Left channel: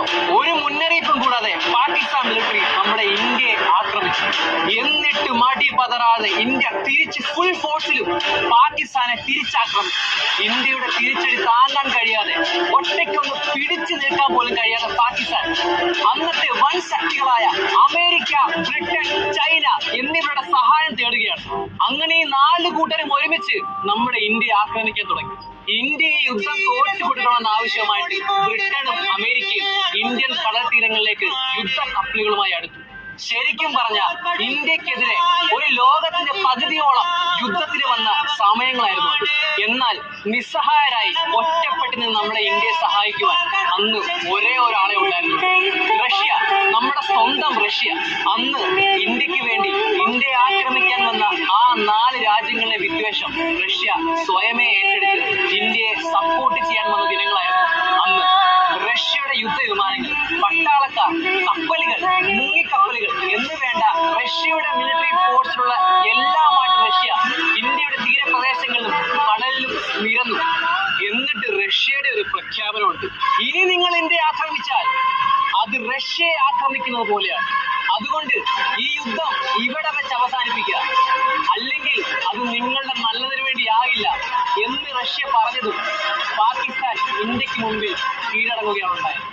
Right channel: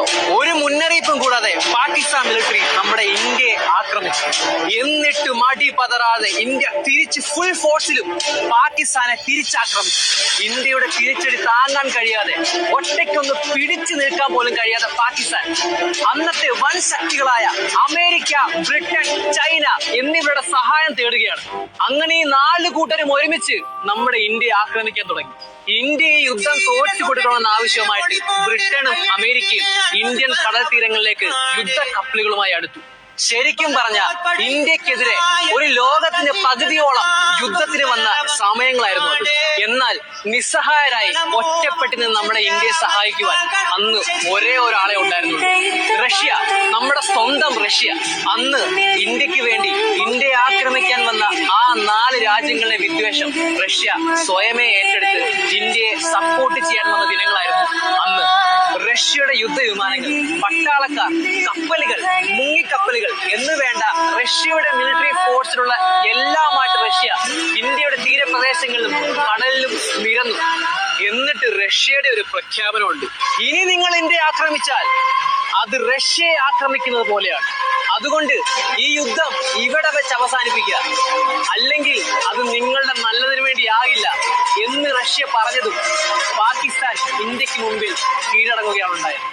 അറിയാലോ, ഒരു മുന്നറിയിപ്പും കൂടാതെ പാകിസ്ഥാൻ മിലിറ്ററി നമ്മുടെ ഇന്ത്യയെ ആക്രമിച്ചു. എന്നിട്ട് മടി പതറാതെ ഇന്ത്യ തിരിച്ച് ഫുൾ ഫോഴ്സിലും പാകിസ്ഥാനെ തിരിച്ചാക്രമിച്ചു. ഇന്ത്യയുടെ തിരിച്ചടി താങ്ങാൻ കഴിയാതെ, ഒറ്റയ്ക്കൊന്ന് പിടിച്ചു നിൽക്കാൻ പോലും കഴിയാതെ പാകിസ്ഥാൻ അന്നത്തെ വൻ ശക്തികളായ അമേരിക്ക, ബ്രിട്ടൻ, ചൈന എന്നിവരുടെ സഹായം തേടുകയാണ്. അങ്ങനെ ഈ 4 കൂട്ടരും ഒരുമിച്ച് നമ്മുടെ ഇന്ത്യയെ ആക്രമിക്കാൻ തുടങ്ങി. ഇന്ത്യയെ യുദ്ധം തോറ്റു കൊടുക്കണമെന്ന ആവശ്യമായിട്ട് ബ്രിട്ടനും അമേരിക്കയും ഇന്ത്യൻ കടൽ തീരങ്ങളിലേക്ക് യുദ്ധ കപ്പലുകളുമായി അടുത്തു. ശരിക്കും പറഞ്ഞ ഇന്ത്യക്കെതിരെ ഒരു ലോകത്തിന്റെ പകുതിയോളം യുദ്ധത്തിന് വന്ന സമയങ്ങളായിരുന്നു അത്. എന്നാൽ നിസ്സഹായരായി ഒറ്റപ്പെട്ട് നിന്ന് നമ്മുടെ ഇന്ത്യയെ സഹായിക്കുവാൻ അന്ന് ഒരേ ഒരാളെ ഉണ്ടായിരുന്നു, റഷ്യ. നമ്മുടെ സ്വന്തം റഷ്യ. അന്ന് ഇന്ത്യക്ക് വേണ്ടി ഇന്ത്യയെ ആക്രമിക്കാൻ വന്ന ആ 4 രാജ്യങ്ങളുടെ വിദ്വേഷം റഷ്യ സ്വയമേ ഏറ്റെടുത്ത് ഇന്ത്യയെ സപ്പോർട്ട് ചെയ്യാൻ വന്ന ദിനങ്ങളായിരുന്നു അന്ന്. റഷ്യയുടെ യുദ്ധവിമാനങ്ങൾ, പട്ടാളക്കാർ, കപ്പലുകൾ, മുങ്ങിക്കപ്പലുകൾ എന്ന് വേണ്ട റഷ്യയുടെ മിലിറ്ററി ഫോഴ്സിലുള്ള എല്ലാമായിട്ട് റഷ്യ ഇന്ത്യയുടെ തീരപ്രദേശങ്ങളിലും കടലിലും നിരന്നു. എന്നിട്ട് റഷ്യയുടെ ഒരു പ്രഖ്യാപനമുണ്ട്: ഇനി നിങ്ങൾ ഇന്ത്യയെ ആക്രമിച്ചാൽ അത് റഷ്യയെ ആക്രമിക്കുന്നത് പോലെയാണ്. അതുകൊണ്ട് ഈ യുദ്ധം ഇവിടെ വെച്ച് അവസാനിപ്പിക്കുക, അല്ലെങ്കിൽ അത് നിങ്ങളുടെ നല്ലതിനു വേണ്ടിയാകില്ല എന്ന് റഷ്യ പറഞ്ഞതും പാകിസ്ഥാൻ ഇന്ത്യക്ക് മുമ്പിൽ കീഴടങ്ങുകയാണ് ഉണ്ടായത്.